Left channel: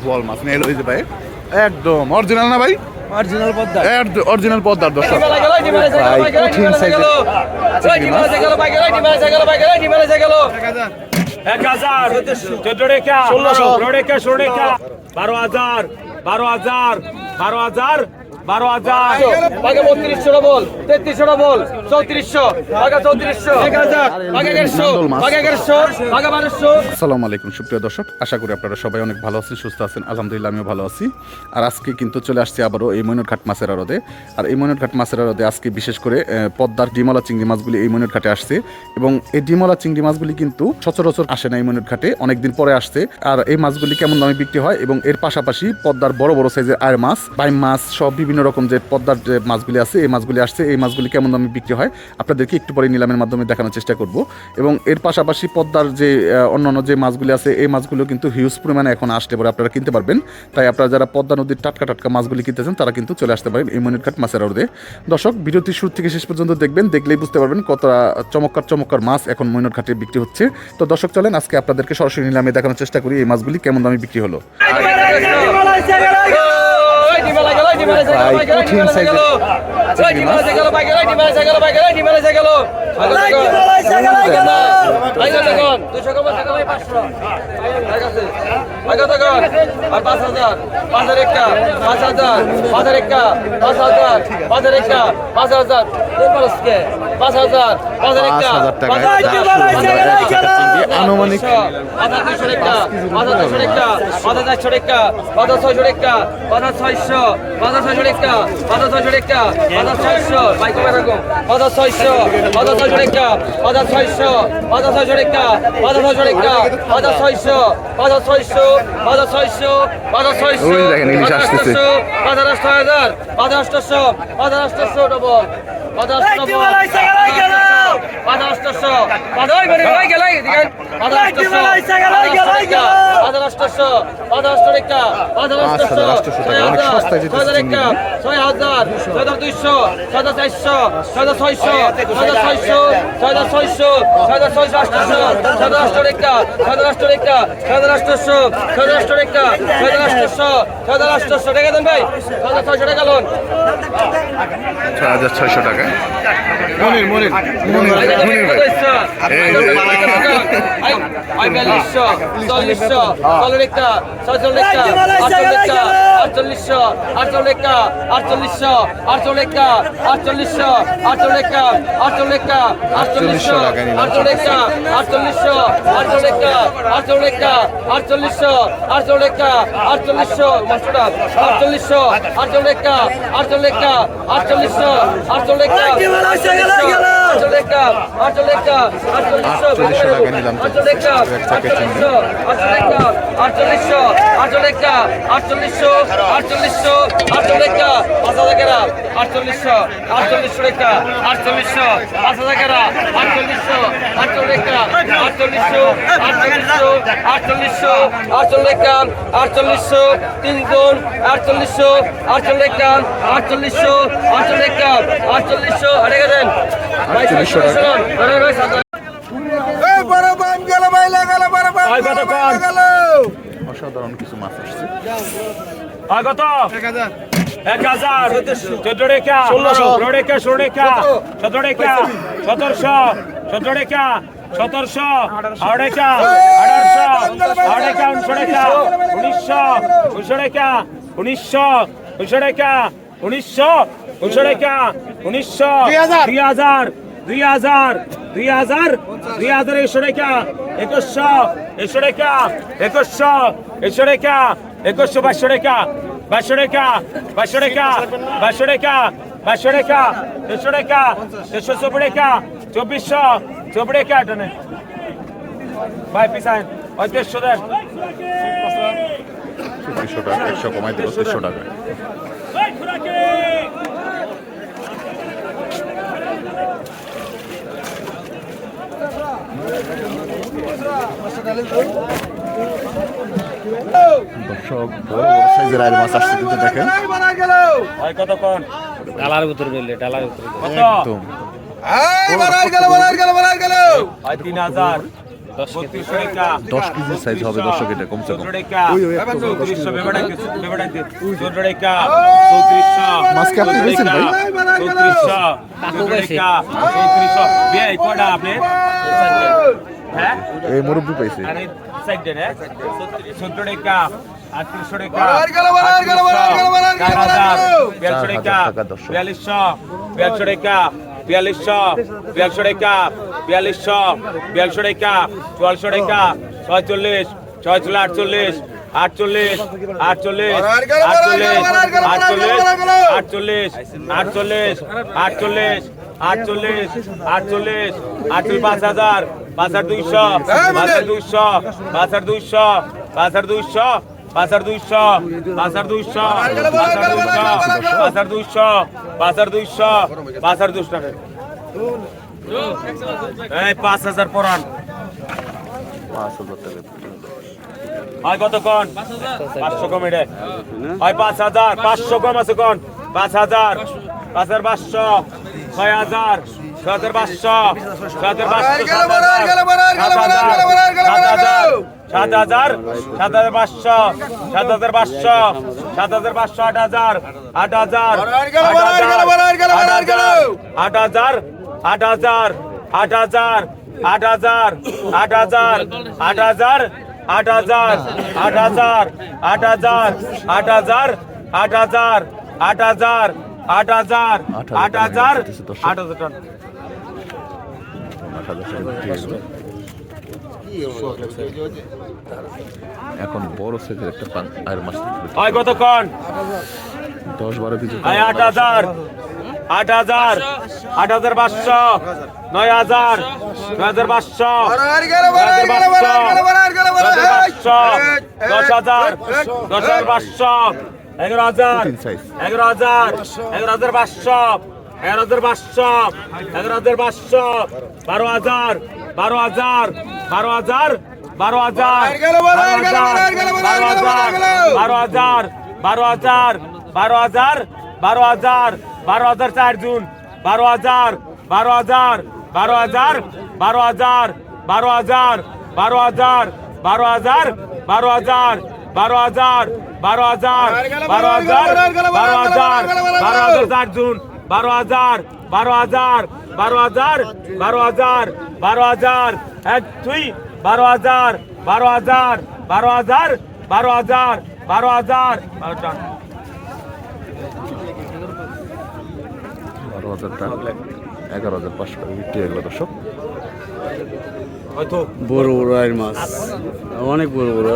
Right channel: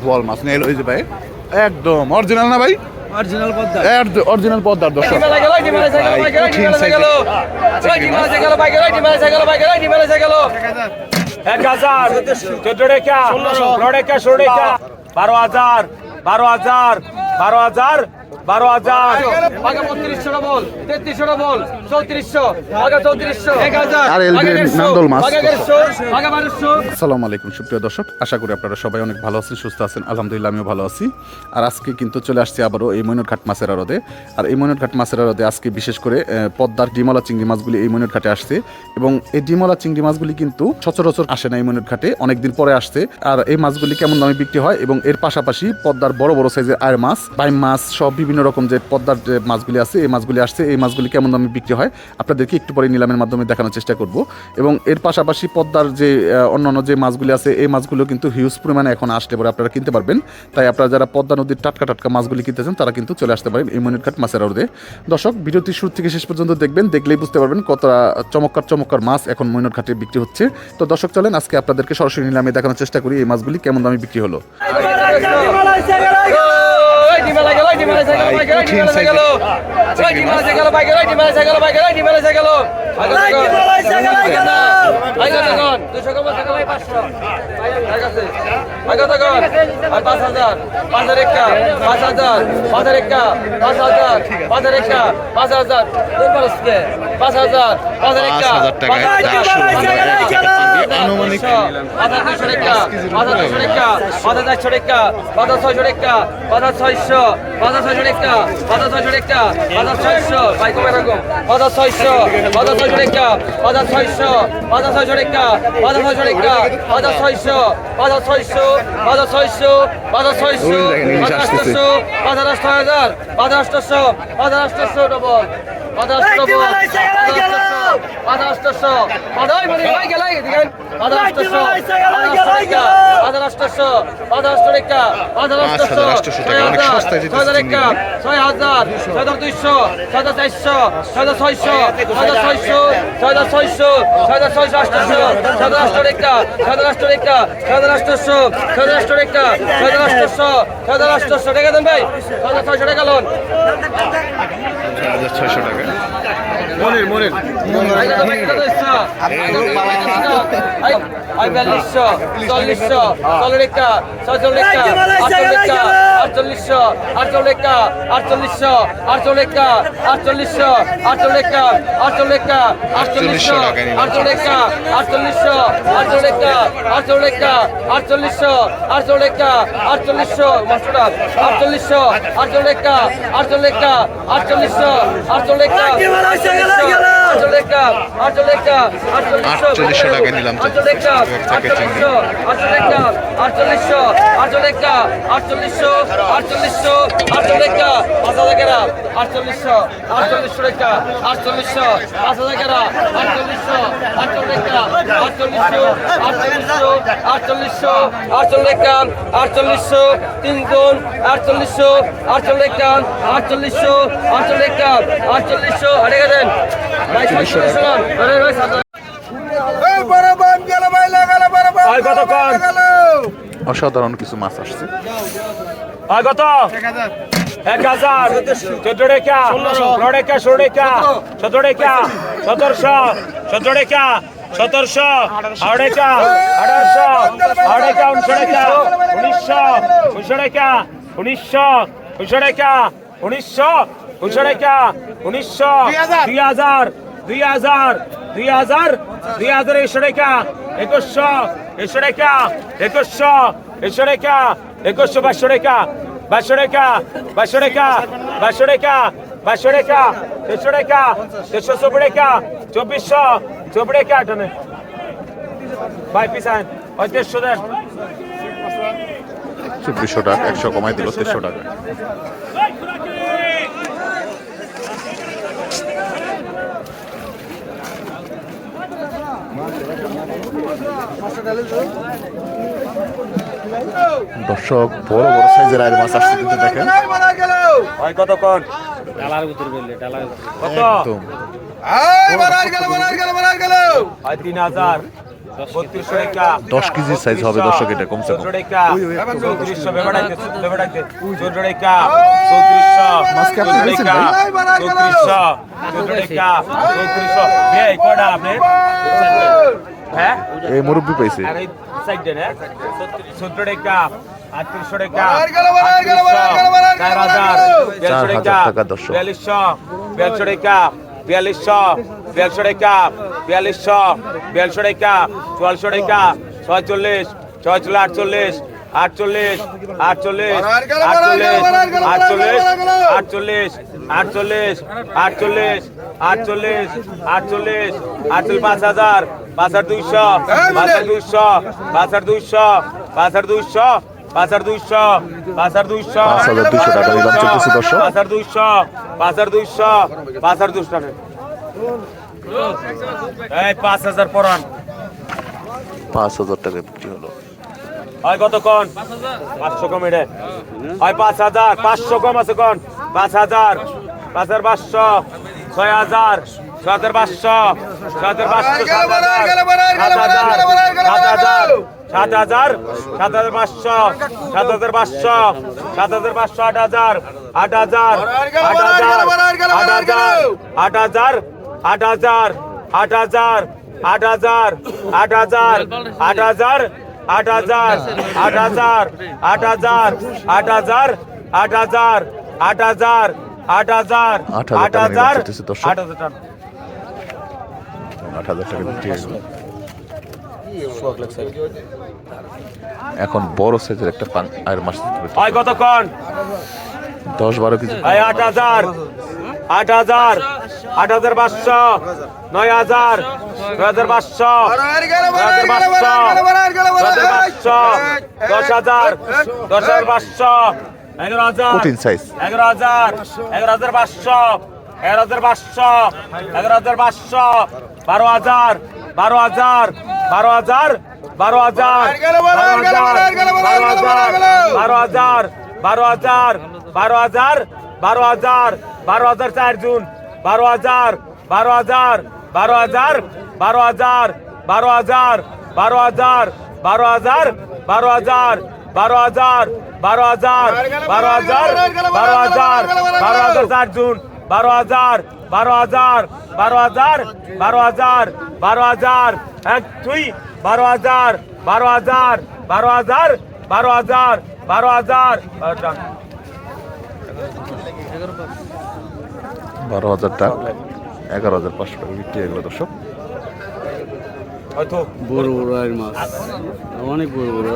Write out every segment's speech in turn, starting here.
বোয়াল মাছ নেই ওই যে ভাই একদম অরিজিনাল না ভাই অরিজিনাল পদ্মা অরিজিনাল পদ্মার দর্শক ভাই কঠিন এক হাজার চোদ্দ রেখা পনেরো রেখা ষোলো রেখা বারো হাজার বারো হাজার বারো হাজার বারো হাজার। আগে বত্রিশশো বল তেত্রিশশো বল চৌত্রিশশো আগে চৌত্রিশশো। এক হাজার। আসসালামু আলাইকুম সুপ্রিয় দর্শক। আশা করি আপনারা সবাই অনেক ভালো আছেন সুস্থ আছেন। আলহামদুলিল্লাহ আমিও ভালো আছি। আর আজকে কিন্তু চলে আসছি আবারও এই মৈনটঘাট মাছের আড়তে। আর এই মৈনটঘাট মাছের আড়তে আজকে বিশেষ করে পদ্মার ডিমলা চিংড়ি মাছগুলি এই মৈনটঘাটে আসছে। এবং এই ডিমলা চিংড়ি মাছগুলি কিন্তু সচরাচর আসে না এই মৈনটঘাটে অনেকদিন পরে আসছে। আর এই মাছগুলি কেমন দামে বিক্রি হয় এবং এর পাশাপাশি পদ্মার বড় বড় সাইজের আয়ের মাছ বাইম মাছ সব বিভিন্ন রকম যে পদ্মার যে মাছগুলি আছে, এই মাছগুলি আসছে, এই মাছগুলি কেমন দামে বিক্রি হয় আপনাদেরকে একটু পরে নিলামের মাধ্যমে দেখানোর চেষ্টা করব। এবং এর পাশাপাশি পদ্মার যে অন্যান্য যে মাছগুলি আছে, এই মাছগুলো কিন্তু হিউজ পরিমাণে এখন আসলে পরে আপনারা কিনতে পারবেন। তাই আপনারা যারা পদ্মা নদীর টাটকা টাটকা মাছগুলি কিনতে চান তারা কিন্তু চলে আসতে পারেন এই মনিরঘাট মাছের আড়তে। দর্শক, ভিডিওটি শুরু থেকে শেষ পর্যন্ত দেখবেন, দেখলেই বুঝতে পারবেন কতটা চমৎকার চমৎকার মাছ এখন মৈনটঘাটে বিক্রি হচ্ছে। তো দর্শক, চলেন আজকে আপনাদেরকে সরাসরি নিলামে দেখানোর চেষ্টা করি এই মাছগুলি কেমন দামে বিক্রি হলো। কঠিন সাইজের পাঁচ হাজার পাঁচ হাজার একটা পাঁচ হাজার পাঁচ হাজার একটা পাঁচ হাজার পাঁচ হাজার একটা পাঁচ হাজার পাঁচ হাজার পাঁচ হাজার একটা টাকায় আনুমানিক টাকা পাঁচ কেজির পাঁচ হাজার ছয়শো ভাই কমে পাঁচ হাজার ছয়শো হাজার ছয়শো পাঁচ হাজার ছয়শো হাজার ছয়শো পাঁচ হাজার ছয়শো পাঁচ হাজার ছয়শো হাজার ছয়শো হাজার ছয়শো হাজার ছয়শো হাজার আটশো হাজার হাজার আটশো হাজার আটশো ডবল মানে ছয় হাজার ছয়শো টাকা Yeah. চল্লিশশো চল্লিশশো চল্লিশটা ছয়চল্লিশটা আটচল্লিশটা আটচল্লিশশো আটচল্লিশটা আটচল্লিশশো আটচল্লিশটা আটচল্লিশশো আটচল্লিশটা আটচল্লিশটা আটচল্লিশশো আটচল্লিশটা আটচল্লিশশো আটচল্লিশটা আটচল্লিশটা আটচল্লিশশো আটচল্লিশটা আটচল্লিশশো মাস্টার আটচল্লিশশো আটচল্লিশটা আটচল্লিশটা আটচল্লিশশো আটচল্লিশটা আটচল্লিশশো আটচল্লিশটা আটচল্লিশটা আটচল্লিশশো আটচল্লিশশো নিলাম আটচল্লিশশো আটচল্লিশশো আটচল্লিশশো আটচল্লিশশো আটচল্লিশশো হাজার আটচল্লিশশো আটচল্লিশশো আটচল্লিশশো পাঁচ হাজার গেরা আটচল্লিশশো আটচল্লিশটা আটচল্লিশশো আটচল্লিশশো আটে গেছেন। আটচল্লিশশো অসাধারণ কিছু মাছ আসছে। কত? এক হাজার চোদ্দ রেখা পনেরো রেখা ষোলো রেখা সতেরো রেখা সতেরোশো সতেরো রেখা সতেরোশো রেখা আঠারোশো আঠারো রেখা উনিশশো রেখা উনিশশো উনিশশো রেখা উনিশশো উনিশশো রেখা উনিশশো উনিশশো রেখা উনিশশো দুই হাজার দুই হাজার দুই হাজার দুই হাজার একশো রেখা একুশশো একশো রেখা একুশশো একশো রেখা একুশশো বাইশশো রেখা বাইশশো রেখা বাইশশো রেখা বাইশশো রেখা বাইশশো রেখা তেইশশো রেখা তেইশশো চব্বিশ রেখা চব্বিশশো চব্বিশ রেখা টনে। বাই পিসাইন ওই তেইশশো দেন। চব্বিশশো টাকা একশো কমাই দিল তেইশশো টাকা। দর্শক বড় বড় সাইজের আয়ের মাছ আসছে কিন্তু দেখেন। একদম। দশ কেজি। সাইজ হবে দর্শক এটা কমসে কম। মাছকে আপনি পেয়েছেন ভাই? এই মুরব্বী পাইছে। সাইডে রে চৌদ্র টাকা আটত্রিশশো টাকা চার হাজার চার বিয়াল্লিশশো হাজার টাকা টাকা দর্শক। বিয়াল্লিশশো বিয়াল্লিশশো টাকা বিয়াল্লিশশো বিয়াল্লিশশো টাকা বিয়াল্লিশশো বিয়াল্লিশশো টাকা চুয়াল্লিশশো টাকা ছয়চল্লিশ ছয়চল্লিশ আটচল্লিশ আটচল্লিশ আটচল্লিশ আটচল্লিশ আটচল্লিশ আটচল্লিশ আটচল্লিশ আটচল্লিশ আটচল্লিশ আটচল্লিশ হাজার পাঁচ হাজার হাজার দুইশো পাঁচ দুইশো হাজার দুইশো হাজার দুইশো হাজার দুইশো হাজার দুইশো পাঁচ দুইশো হাজার দুইশো হাজার দুইশো টাকা এই পাঁচ হাজার পরান পাঁচ হাজার টাকা বিক্রি হলো হয় কত কোন পাঁচশো কম এডে হয় পাঁচ হাজার পাঁচশো কম আছে কোন পাঁচ হাজার পাঁচ হাজার পাঁচশো ছয় হাজার ছয় হাজার পাঁচশো ছয় হাজার পাঁচশো সাত হাজার সাত হাজার সাত হাজার সাত হাজার পাঁচশো সাত হাজার পাঁচশো সাত হাজার পাঁচশো আট হাজার আট হাজার আট হাজার আট হাজার আট হাজার আট হাজার আট হাজার আট হাজার আট হাজার আট হাজার আট হাজার আট হাজার আট হাজার আট হাজার আট হাজার আট হাজার আট হাজার আট হাজার। আট হাজার টাকা বিক্রি হয়ে গেল। এখন বড় সাইজের একটা পান আর মাছ। হয় কতক্ষণ? দশ বারো কেজি হয় আট হাজার। আট হাজার। আট হাজার পাঁচশো। নয় হাজার। নয় হাজার পাঁচশো। পাঁচশো। দশ হাজার। দশ হাজার পাঁচশো। এগারো হাজার। এগারো হাজার। এগারো হাজার পাঁচশো। এগারো হাজার পাঁচশো এগারো হাজার পাঁচশো বারো হাজার বারো হাজার বারো হাজার বারো হাজার বারো হাজার বারো হাজার বারো হাজার বারো হাজার বারো হাজার বারো হাজার চার জুন বারো হাজার বারো হাজার বারো হাজার বারো হাজার বারো হাজার বারো হাজার বারো হাজার বারো হাজার বারো হাজার বারো হাজার বারো হাজার বারো হাজার বারো হাজার চার জুন বারো হাজার বারো হাজার বারো হাজার বারো হাজার বারো হাজার এক দুই বারো হাজার বারো হাজার বারো হাজার বারো হাজার বারো হাজার বারো হাজার টাকা এগারো হাজার পাঁচশো টাকা বিক্রি হয়ে গেল দর্শক বড় বড় আর মাছ অনেক বড় বড়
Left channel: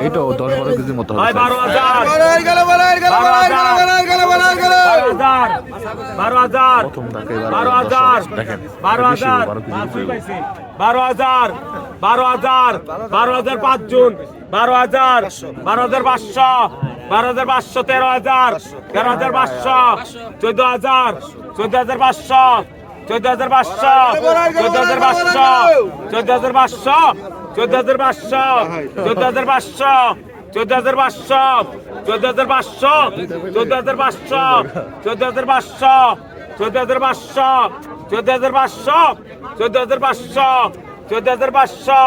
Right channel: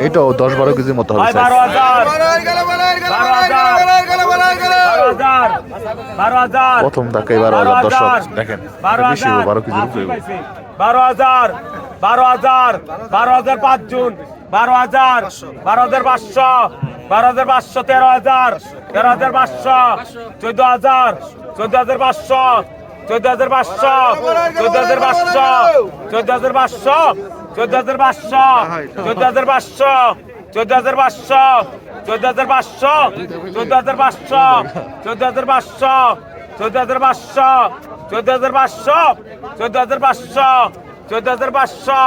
এইটাও দশ বারো কেজির মতো হবে বারো হাজার বারো হাজার বারো হাজার বারো হাজার প্রথম ধাক্কায় বারো হাজার দেখেন বারো হাজার বারো উপরে বারো হাজার বারো হাজার বারো হাজার পাঁচ জুন বারো হাজার বারো হাজার পাঁচশো বারো হাজার পাঁচশো তেরো হাজার তেরো হাজার পাঁচশো চোদ্দ হাজার চোদ্দ হাজার পাঁচশো চোদ্দ হাজার পাঁচশো চোদ্দ হাজার পাঁচশো চোদ্দ হাজার পাঁচশো চোদ্দ হাজার পাঁচশো চোদ্দ হাজার পাঁচশো চোদ্দ হাজার পাঁচশো চোদ্দ হাজার পাঁচশো চোদ্দ হাজার পাঁচশো চোদ্দ হাজার পাঁচশো চোদ্দ হাজার পাঁচশো চোদ্দ হাজার পাঁচশো চোদ্দ হাজার পাঁচশো চোদ্দ হাজার পাঁচশো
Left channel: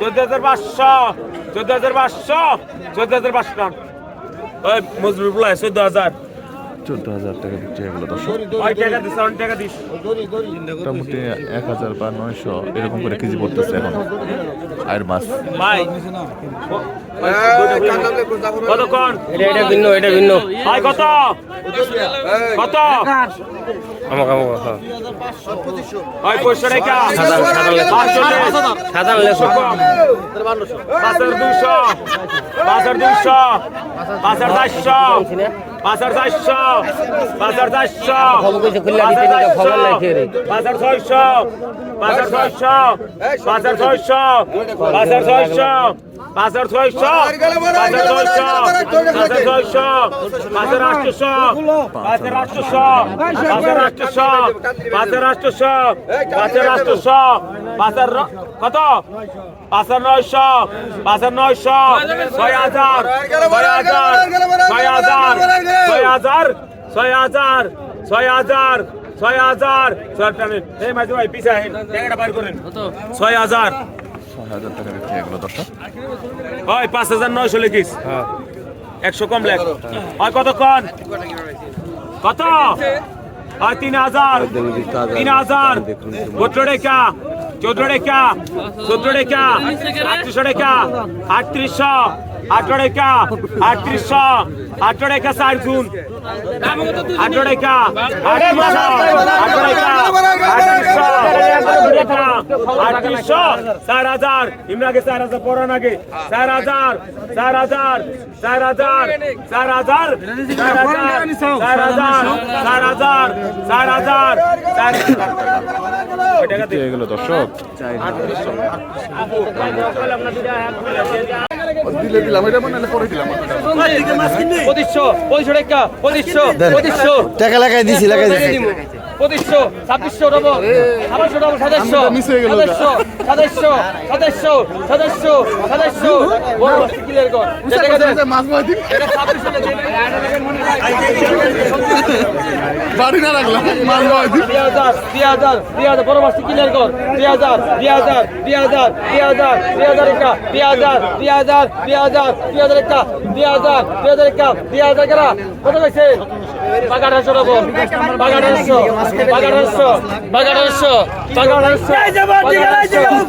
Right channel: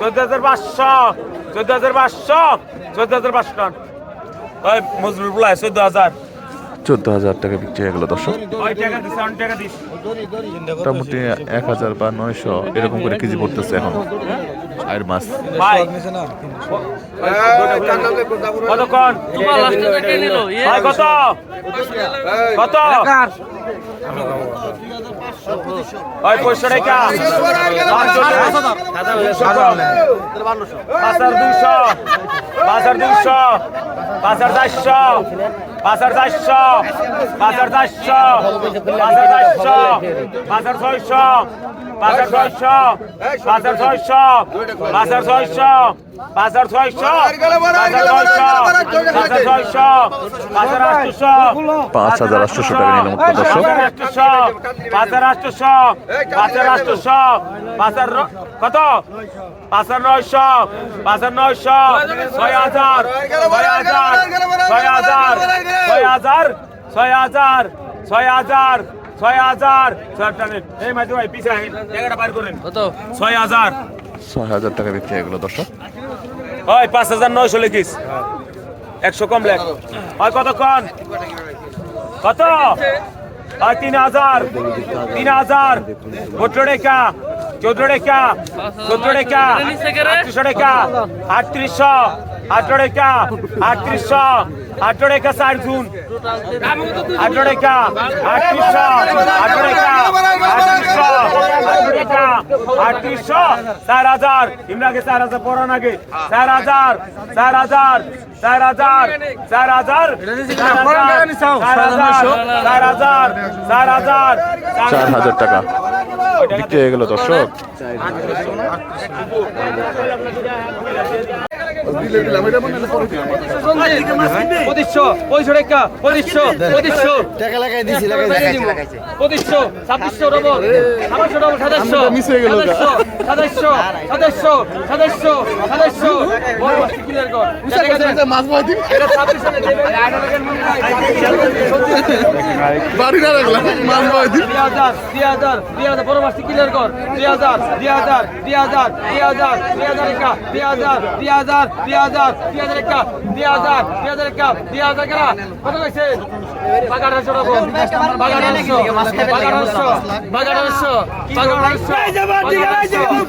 চোদ্দ হাজার পাঁচশো চোদ্দ হাজার পাঁচশো চোদ্দ হাজার পাঁচশো মজুর চোদ্দ হাজার চোদ্দ হাজার টাকা বিক্রি হয়ে গেল দর্শক। মোটামুটি এক হাজার বা নয়শো এরকম করে কেজি পড়তেছে এখন। আর মাছ। কতক্ষণ কত কত? দুইশো। পাঁচ হাজার চারশো। পাঁচার চারশো পাঁচার চারশো পাঁচার চারশো পাঁচার ছয়শো পাঁচ হাজার ছয়শো পাঁচ হাজার ছয়শো পাঁচ হাজার ছয়শো পাঁচ হাজার ছয়শো পাঁচ হাজার ছয়শো পাঁচ হাজার ছয়শো পাঁচ হাজার আটশোশো পাঁচ হাজার নিলাম পাঁচ হাজার আটশোশো পাঁচ হাজার আটশোশো পাঁচ হাজার আটশোশো পাঁচ হাজার কত? পাঁচ হাজার নয়শো পাঁচ হাজার নয়শো ছয় হাজার ছয় হাজার ছয় হাজার ছয় হাজার ছয় হাজার ছয় হাজার ছয় হাজার। ছয় টানেন এই মাঝে ভাই পিছিয়ে আহেন। টাকাটা বার করেন। ছয় হাজার। ছয় হাজার টাকা বিক্রি হয়ে ওই পাঁচ হাজার নয়শো লিখিস একশো কম লেখ হয় কতক্ষণ? কত? হয় তিন হাজার। তিন হাজার। চোদ্দ টাকা চোদ্দ টাকা চোদ্দ টাকা আটত্রিশশো টাকা আটত্রিশশো। আঠারো টাকা আটত্রিশশো চার জুন। আঠারো টাকা আটত্রিশশো আঠারো টাকা আটত্রিশশো আটত্রিশশো চার হাজার। ইমরাকে চার হাজার পড়ো নাকি চার হাজার চার হাজার চার হাজার চার হাজার চার হাজার চার হাজার চার হাজার চার হাজার চার হাজার টাকা। গেলো দর্শক। দিলে দিলাম এটা বানালে পরে দিলাম পঁচিশশো পঁচিশশো টাকা পঁচিশশো পঁচিশশো। টাকা লাগাই দিছি লাগাই পঁচিশশো ছাব্বিশশো ডবল ছাব্বিশশো ডবল সাতাশশো। ওটা। সাতাশশো সাতাশশো সাতাশশো সাতাশশো বড় মাছটি মাছ ভাই এটা বাড়ি না রাখলাম মাছ ভাই দুই হাজার দুই হাজার দুই হাজার। বড় মাছটি ক্লিয়ার কর। দুই হাজার দুই হাজার দুই হাজার দুই হাজার দুই হাজার একা দুই হাজার দুই হাজার। দুই হাজার দুই হাজার একা দুই হাজার দুই হাজার একা দুই হাজার কেনা। কত গেছে বাগাড়াশো রকম বাগাড়াশো বাগাড়াশো বাগাড়াশো বাগাড়াশো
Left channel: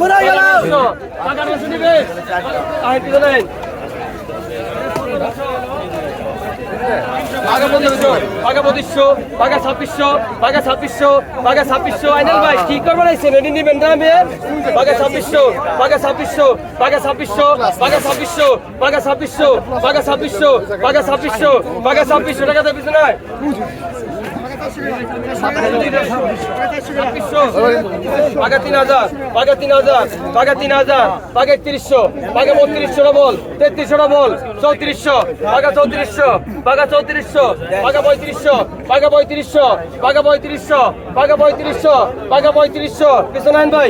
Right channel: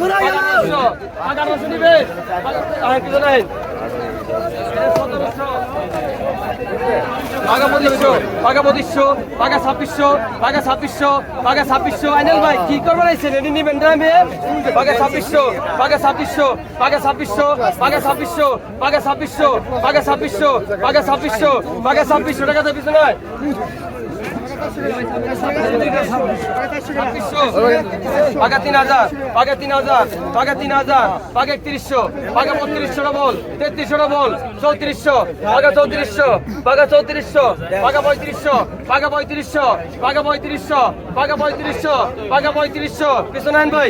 বাগাড়াশো বাগাড়াশো নিবে। আর কিছু নাই। পাকা পনেরোশো পাকা পঁচিশশো পাকা ছাব্বিশশো পাকা ছাব্বিশশো পাকা ছাব্বিশশো। আইনাল ভাই, কি করব না রেডি নিবেন না আমি? পাকা ছাব্বিশশো পাকা ছাব্বিশশো পাকা ছাব্বিশশো পাকা ছাব্বিশশো পাকা ছাব্বিশশো পাকা ছাব্বিশশো পাকা ছাব্বিশশো পাকা ছাব্বিশশো। টাকা ছাব্বিশশো না পাকা তিন হাজার পাকা তিন হাজার পাকা তিন হাজার পাকা একত্রিশশো পাকা বত্রিশশো ডবল তেত্রিশশো ডবল চৌত্রিশশো পাকা চৌত্রিশশো পাকা চৌত্রিশশো পাকা পঁয়ত্রিশশো পাকা পঁয়ত্রিশশো পাকা পঁয়ত্রিশশো পাকা পঁয়ত্রিশশো পাকা পঁয়ত্রিশশো। কৃষ্ণ নারায়ণ ভাই।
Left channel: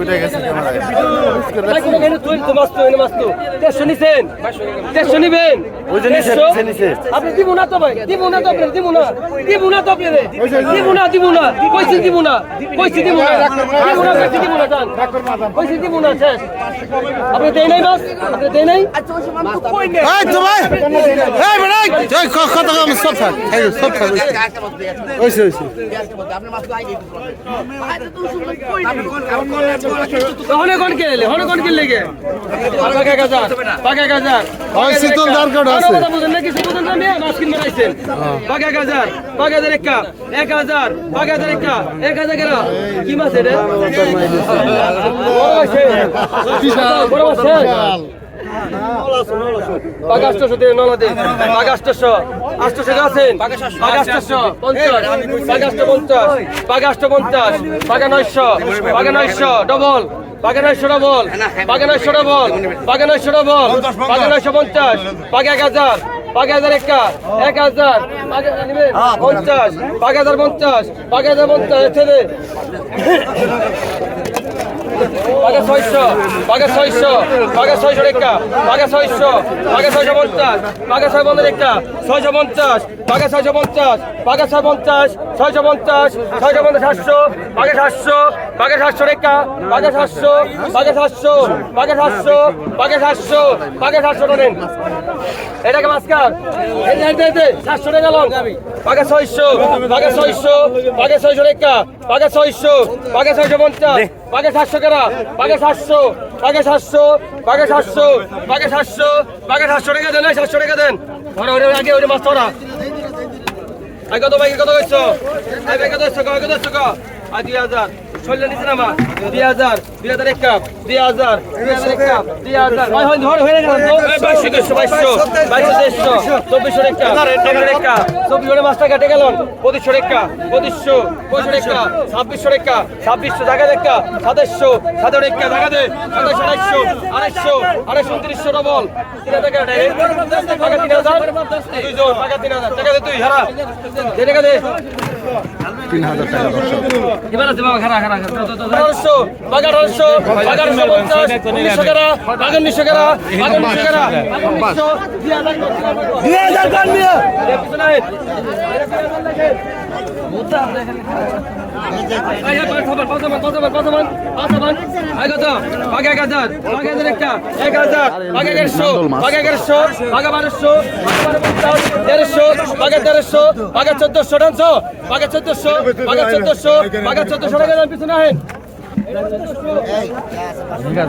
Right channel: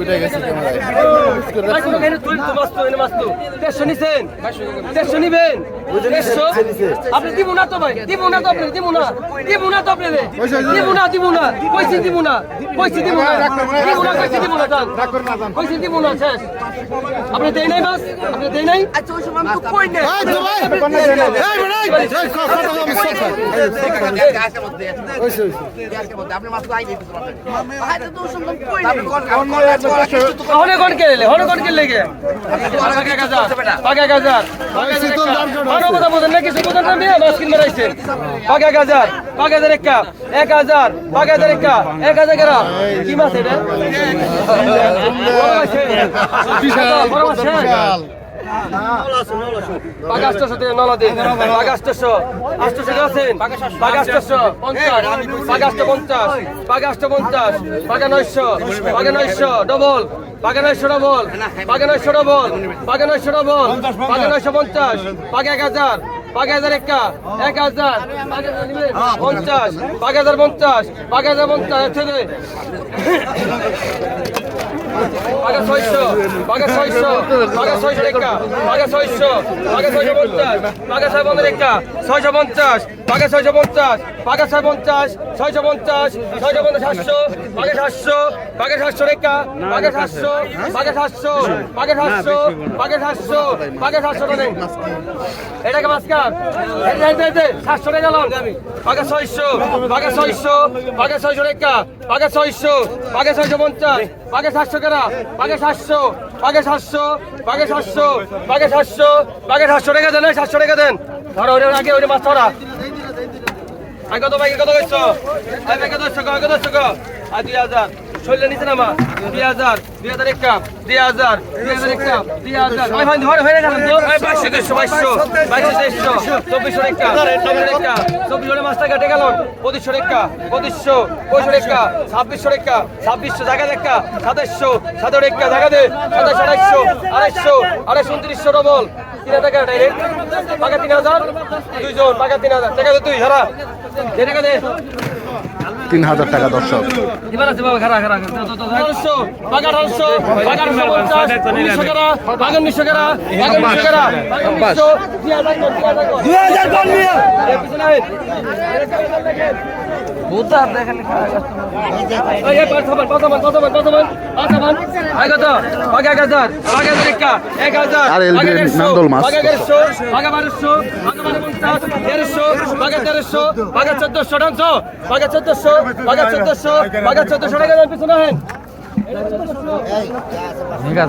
উঠে গেছে ক্যামেরায় কোনো কাহিনী তুই তো মাছ এনে মাছ দেড়শো নিছেন দেড়শো নিবেন আপনি দিব না তো ভাই দিব না তো আপনি দিব না দিব না তো আপনি দিব না দিব না কইছি দিব না কইছি দিব না দিব না কইছি দিব না জান কইছি দিব না শেষ আপনি দেই নাই মাছ আপনি দেই নাই এই তো ভাই এই বেড়াই এই কত কম সব এই সব ওইসে ওইসে হনে কোন কে লে হনে কোন কে লেগে পাকা গাজার পাকা গাজার পাকা শীতল দার আছে। কথা বুঝেন নাকি? সুবুদন না মিয়া মাছ কিনে রাখছেন পাকা গাজার পাকা গাজার একা 1000 পাকা গাজার একা 1000 কেরা কি মাছ এটা? বিশাল। বড় মাছ হ্যাঁ। পাঁচশো দিয়ে নলা দিন পাঁচশো আটশো আছেন পাঁচশো পঞ্চাশ পাঁচশো পঞ্চাশ পাঁচশো পঞ্চাশ পাঁচ নয়শো পাঁচ নয়শো ডবল পাগে নয়শো ডবল পাগে নয়শো ডবল পাগে নয়শো ডবল পাগে নয়শো পঞ্চাশ পাগে এক হাজার পাঁচ হাজার একটা এক হাজার পঞ্চাশ পাঁচ হাজার পঞ্চাশ পঞ্চাশ পাকা ছয়শো পাকা ছয়শো পাকা ছয়শো রেখা পাকা ছয়শো পাকা ছয়শো পঞ্চাশ পাকা ছয় পঞ্চাশ রেখা, ছয়শো পঞ্চাশ পাকা ছয়শো পঞ্চাশ পাকা ছয় পঞ্চাশ, ছয়শো পঞ্চাশ ছয়শো পঞ্চাশ সাতশো পাকা সাতশো পাকা সাতশো রেখা পাকা সাতশো পাকা সাতশো পাকা সাতশো পাকা সাতশো পাকা সাতশো টানেন এটাকে মাস্কার সাতশো টাকা গেল পাকা ছয়শো পাকা ছয়শো পাকা ছয়শো রেখা পাকা ছয়শো পাকা ছয়শো পঞ্চাশ বাঘে সাতশো কেরা? বাঘে সাতশো বাঘে সাতশো বাঘে সাতশো বাঘে সাতশো বাঘে সাতশো টাকা দেন সাতশো টাকা দেন। ধরো ওরে আগে ওরে মাছ ধরা। আগে কত বাইকের কত করছ আগে কত দশশো কত দশশো আর দুই হাজার। শৈল নিচে নামা। দুই হাজার দুই হাজার এক কাপ, দুই হাজার দুই হাজার এক কাপ, দুই হাজার। হয় হয়, ধরে হয়ে গেল বাইশশো তেইশশো বাইশশো বাইশশো, তেইশশো, চব্বিশশো রেখা চব্বিশ চব্বিশ মাস কেটে গেল। পঁচিশশো রেখা, পঁচিশশো পঁচিশশো রেখা, ছাব্বিশশো রেখা, ছাব্বিশশো টাকা রেখা সাতাশশো সাতেরো রেখা টাকা দে সাতাশ আড়াইশো আড়াইশো আড়াইশো উনত্রিশশো ডবল তিন হাজার টাকা টাকা তিন হাজার। দুইজন, টাকা তিন হাজার। টাকা দে তুই হারা। দে, টাকা দে। তিন হাজার টাকা দর্শক। দুই হাজার নান্দল মাছ। তেরোশো আগে তেরোশো আগে চোদ্দশো টানশো আগে চোদ্দশো আগে চোদ্দশো আগে চোদ্দশো টাকা পিছনে হেন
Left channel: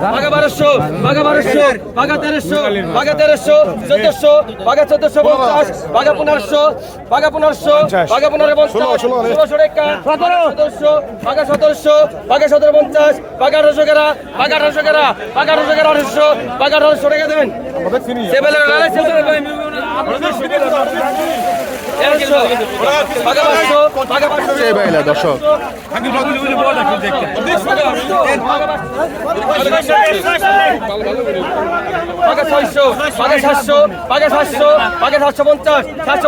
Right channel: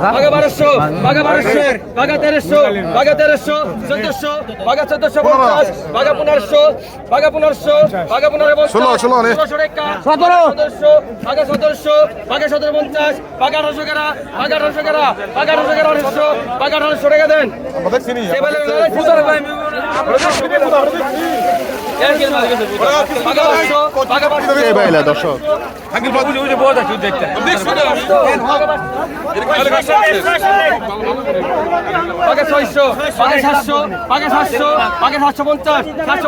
বাঘা বারোশো বাঘা বারোশো বাঘা তেরোশো বাঘা তেরোশো চোদ্দশো বাঘা চোদ্দশো পঞ্চাশ বাঘা পনেরোশো বাঘা পনেরোশো বাঘা পনেরো পঞ্চাশ ষোলোশো রেখা সতেরো সতেরোশো বাঘা সতেরোশো বাঘা সতেরো পঞ্চাশ বাঘা আঠারোশো গেরা বাঘা আঠারোশো গেরা বাঘা আঠারোশো গেরা আঠারোশো বাঘা আঠারোশো টাকা দেন কে বাইলা দর্শক পাকে ছয়শো পাকে সাতশো পাকে সাতশো পঞ্চাশ সাতশো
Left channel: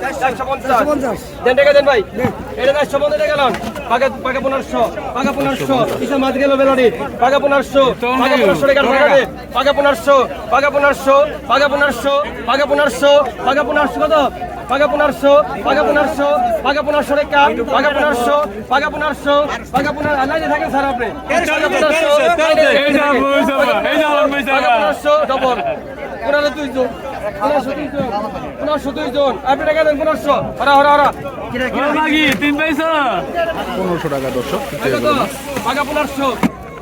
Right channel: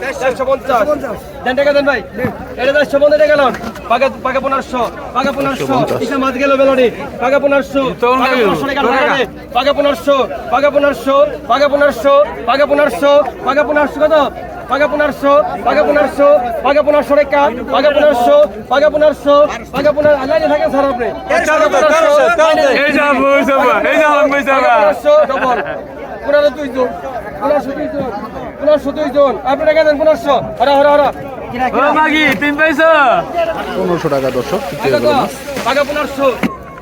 চারশো পঞ্চাশ দেন টাকা দেন ভাই এটা চারশো পঞ্চাশ গেলাম পাকে পাকে পনেরোশো পাকে পনেরোশো ইসা মাছ গেল বেলড়ি পাকে পনেরোশো পাকে পনেরোশো টাকা টাকা দে পাকে পনেরোশো পাকে পনেরোশো পাকে পনেরোশো পাকে পনেরোশো পাকে পনেরোশো কত পাকে পনেরোশো পাকে পনেরোশো পাকে পনেরোশো রেখা পাকে পনেরোশো পাকে পনেরোশো পাকে পনেরো আলাই থাকেন স্যার আপনি পনেরোশো ডবল পনেরো দুইজন পনেরোশো দুইজন পনেরোশো দুইজন আপনি টাকা দেন পনেরোশো? হরা হরা হরা। পনেরোশো টাকা দর্শক টাকা পনেরোশো।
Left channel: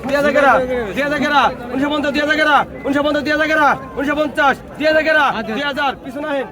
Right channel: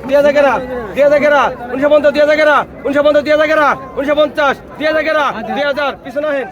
দুই হাজার গেরা দুই হাজার উনিশশো পঞ্চাশ দিয়ে হাজার গেরা উনিশশো পঞ্চাশ দুই হাজার গেরা উনিশশো পঞ্চাশ হাজার দুই হাজার কিছু নয়